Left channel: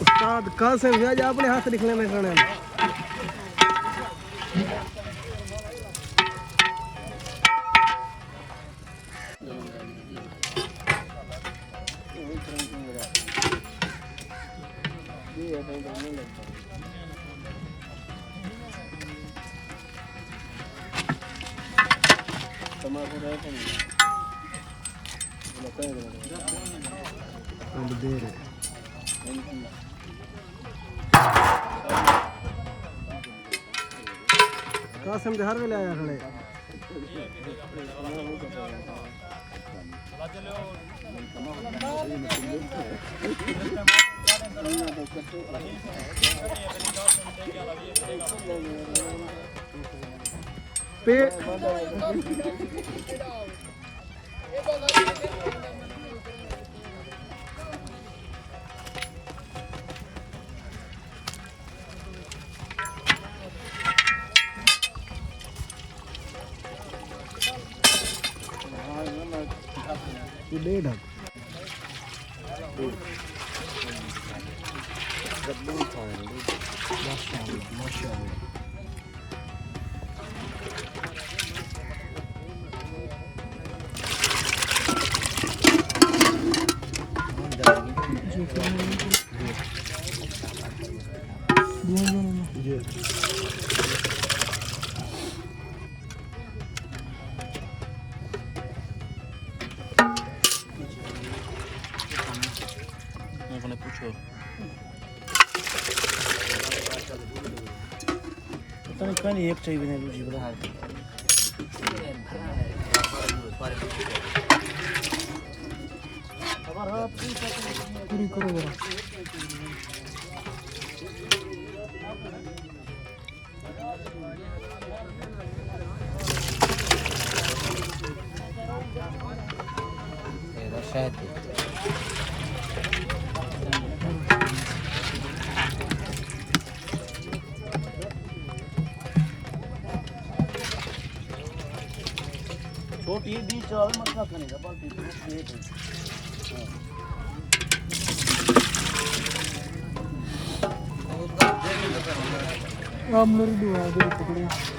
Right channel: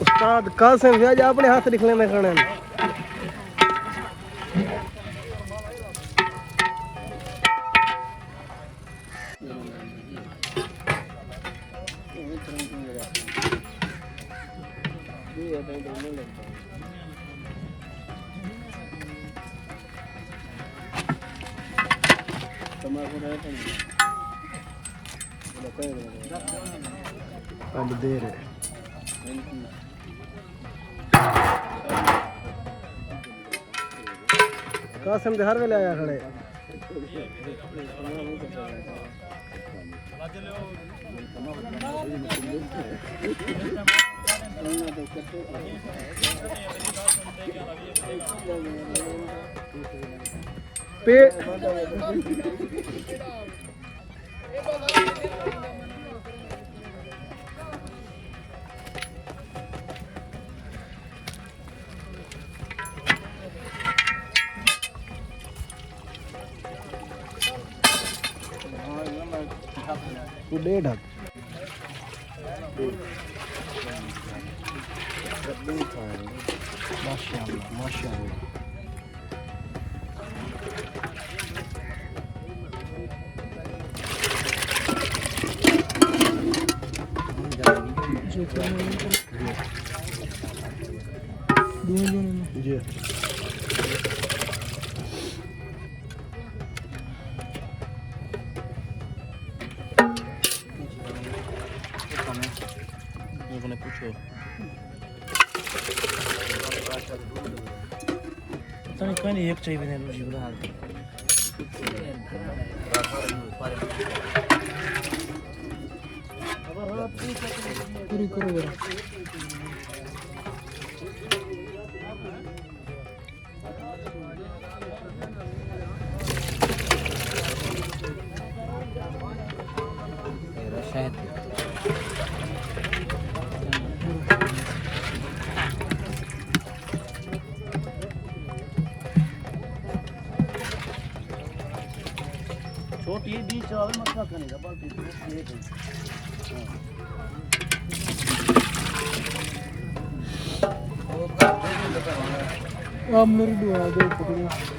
उस्ताद कासिम व्याज अपने हाथ लिखने में खाने अब दे रहे कासिम दे हर वेले आया खड़े पे डेढ़ माशाअल्लाह माशाअल्लाह जी पूछो पहले एक चाहिए पूरी करो जरा छोटी बीच और मत खाने बाकी आप मेरी दुआ दे पकड़ो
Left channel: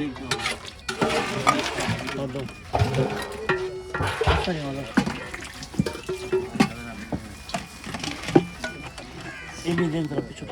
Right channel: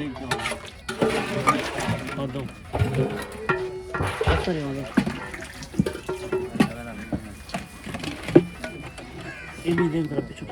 देख जाओ ये भी देख रहा पीछे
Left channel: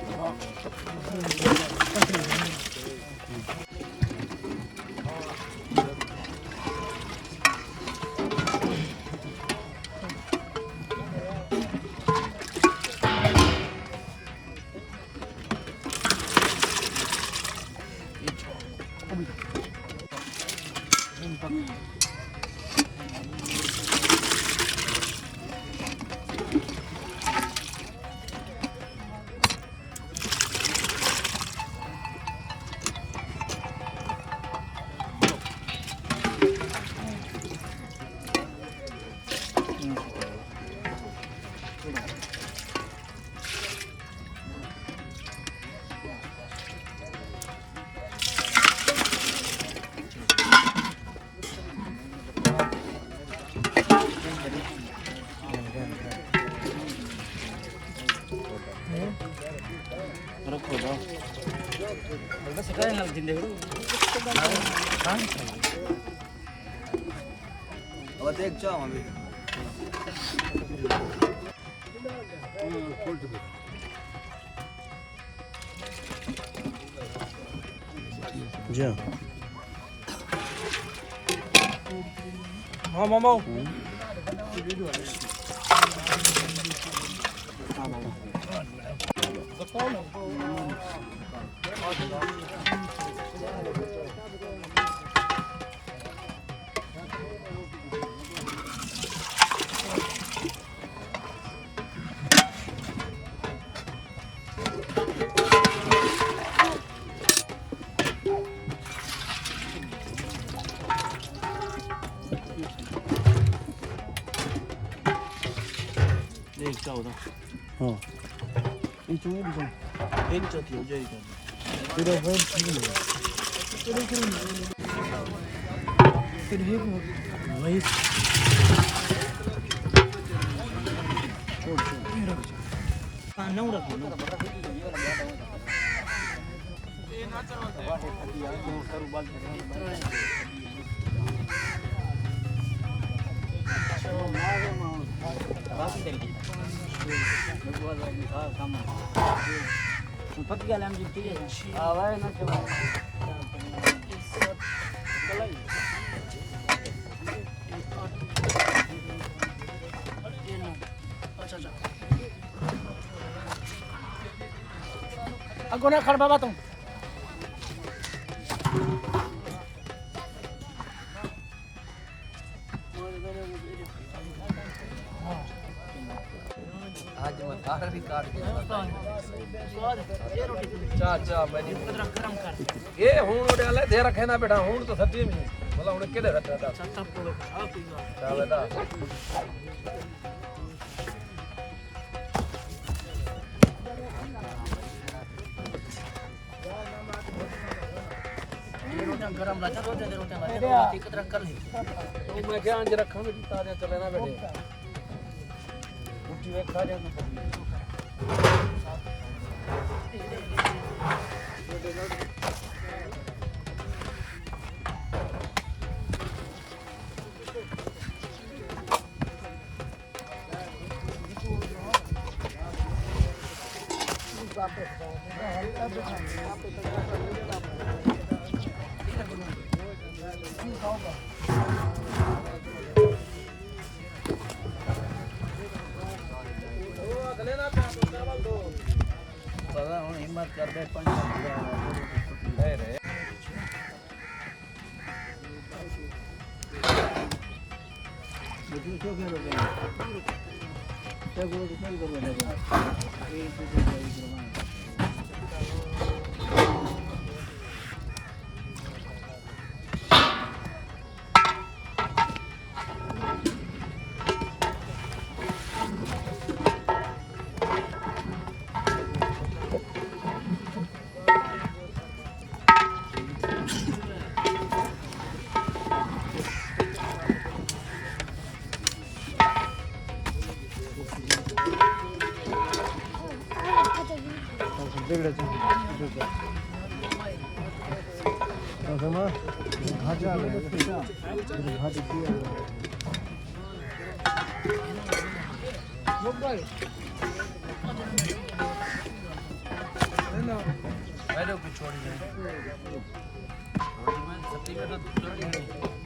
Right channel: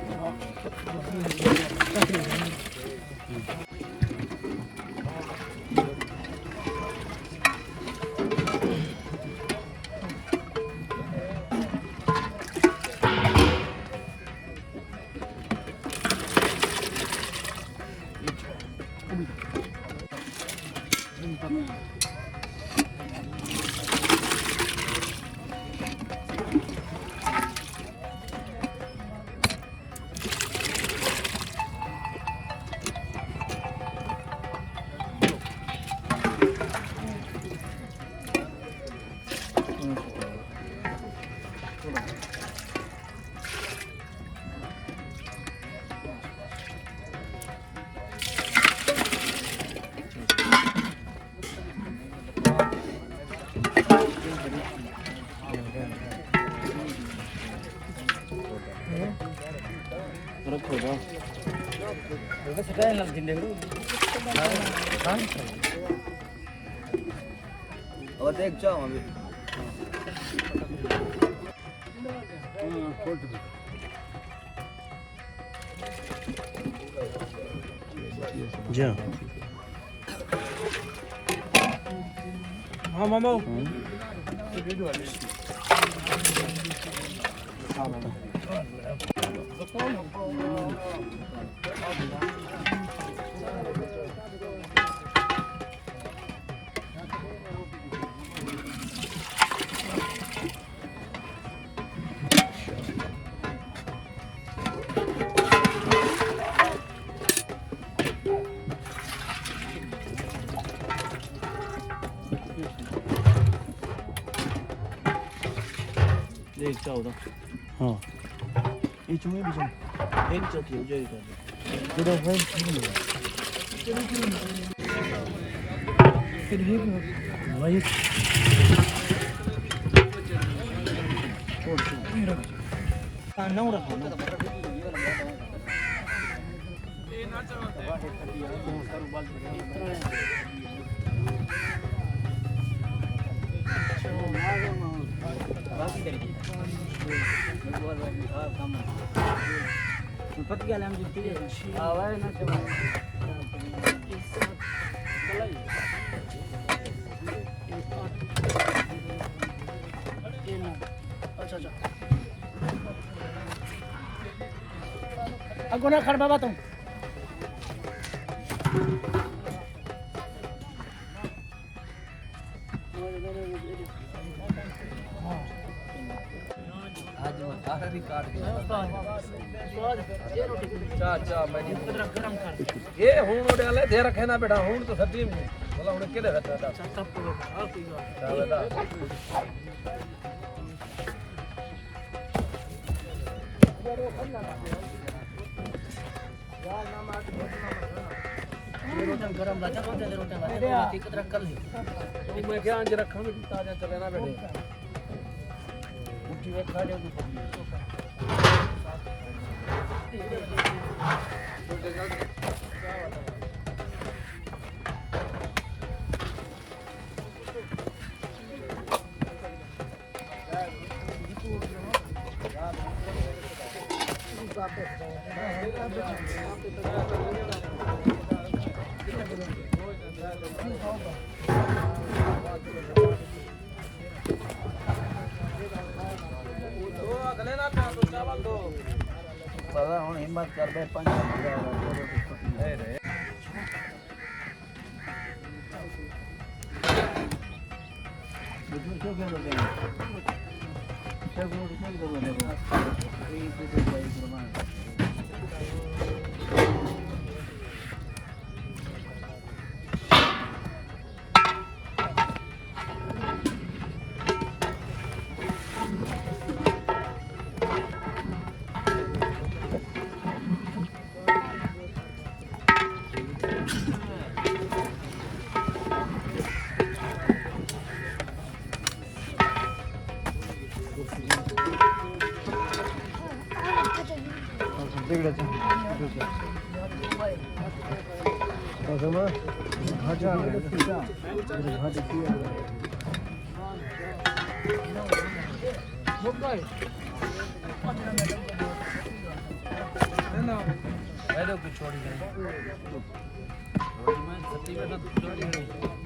रखो दो बस काय लग दिन देख हां अब देख जाओ अभी खोल दो जी हां मामा हां मामा देख जाओ तो ये चूड़ी भी एक चौथी हो जाएगी तेरा भाई फिर ये वही हां नौ रखो ना पक गया हम जितने आवाज ना चलो अच्छा अच्छा अगो ना खड़ बाबा तुम आज मैं आखिरी काट के चा मैं गरम कर ये हूं डाले दे रखे ना बेटा हूं तो सब्जी में बोला उन्हें केले रहता है सब तो आ पीवा ये रोटी गरम रखा तो दे रोटी बात कितना कर ली मैं क्या अंज रखांगे ताजा चले ना बेटे रोटी में खा जाए हिम्मत कर बे पंच कसमा घाटी घाटी की पहले कुछ छोड़ी जाए मैं सत्ती में सब छोड़ी है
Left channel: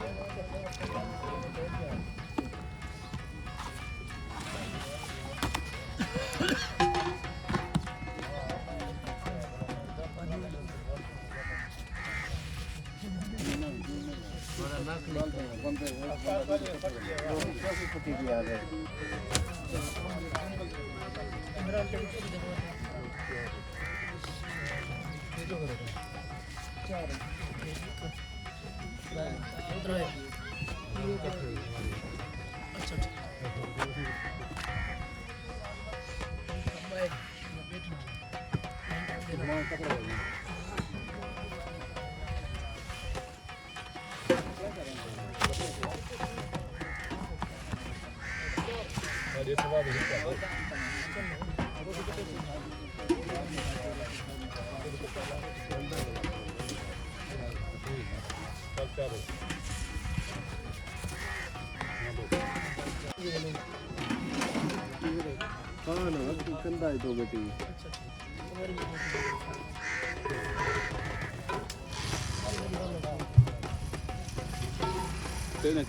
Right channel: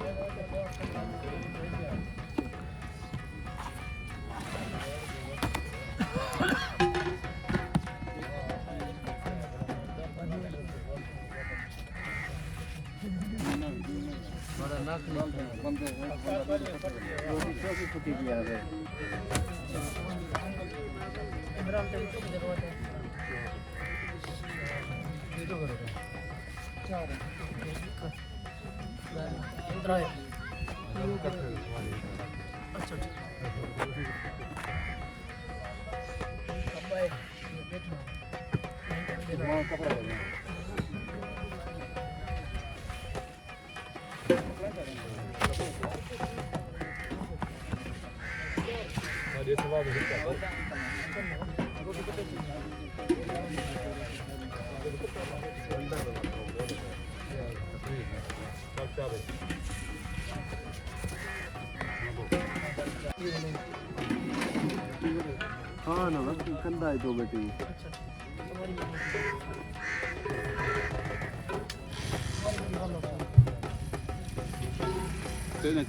बड़ा नाक निकल हाँ ना बस कंधा है तो बेटी तेरे